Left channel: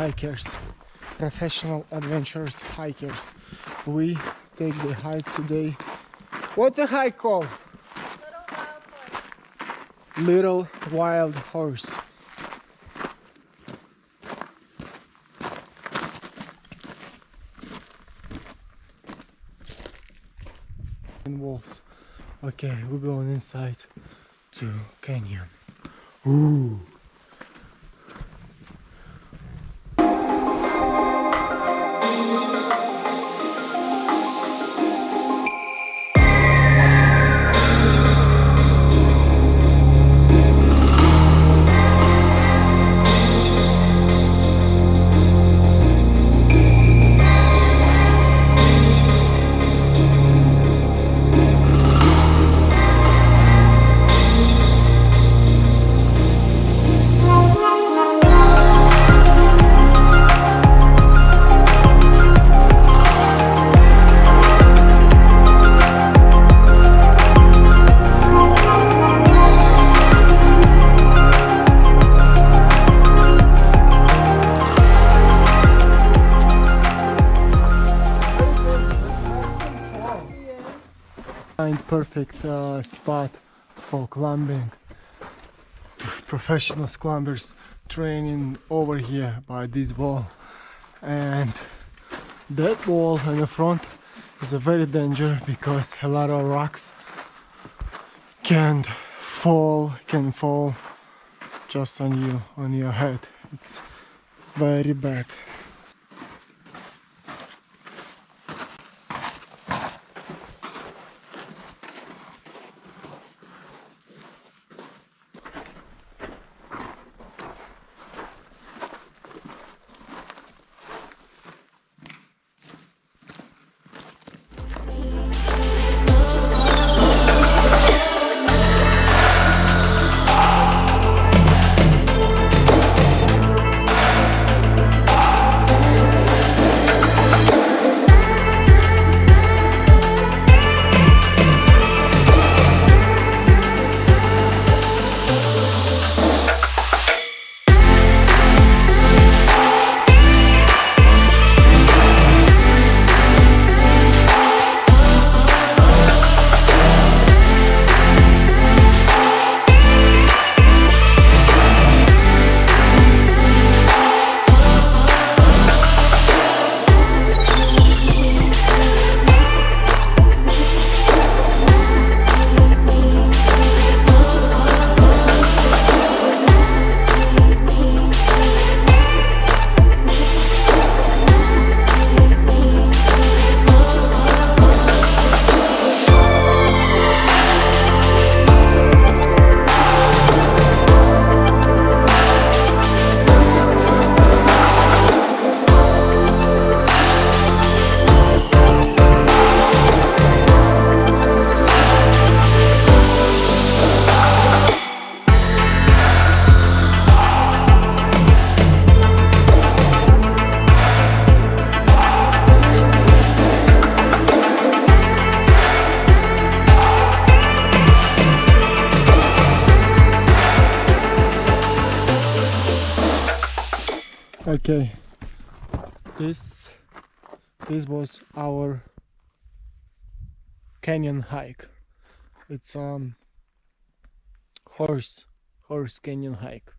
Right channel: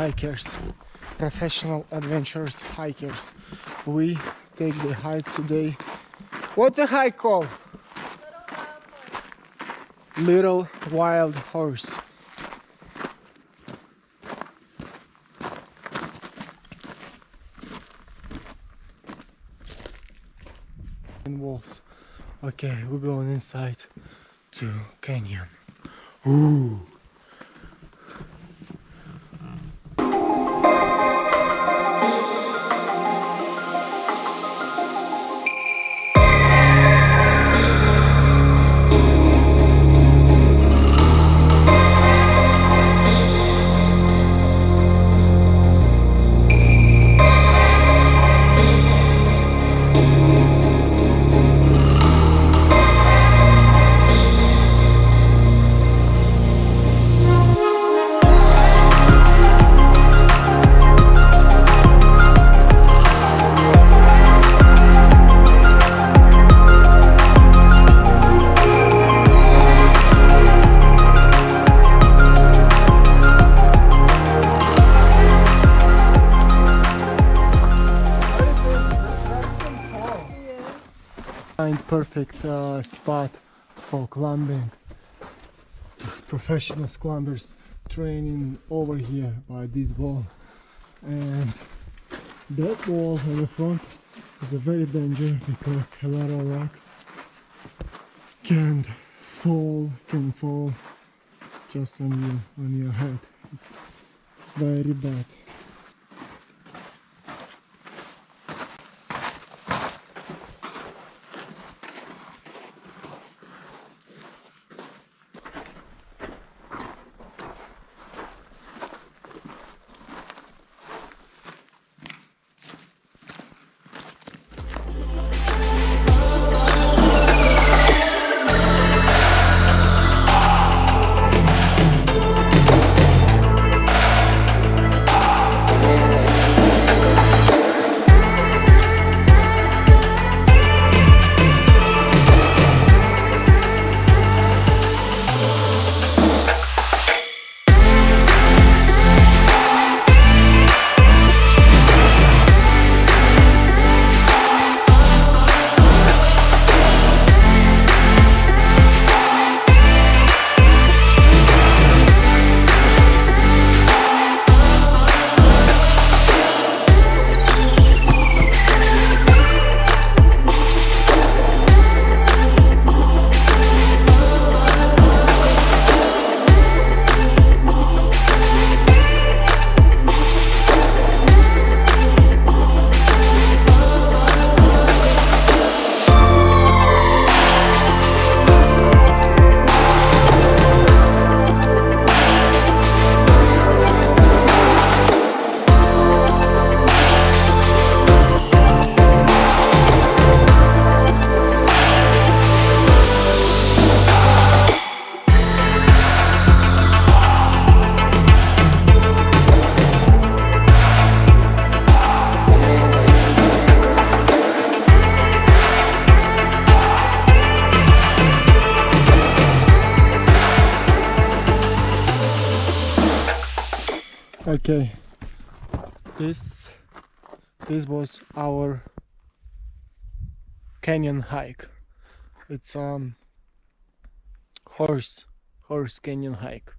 hikers, professional adventurous hikers. We take the hike today. What's the hike called? Little Wild Horse. And walls. Okay, we're going inside to canyon. Ooh. Perfect spot for climbing. Professional climbers training over here by this wall, and that wall in the front is a very dangerous because a lot of rocks can fall just on you, on your head. It's very bad. Okay, this was our canyon hike. It's horse canyon hike.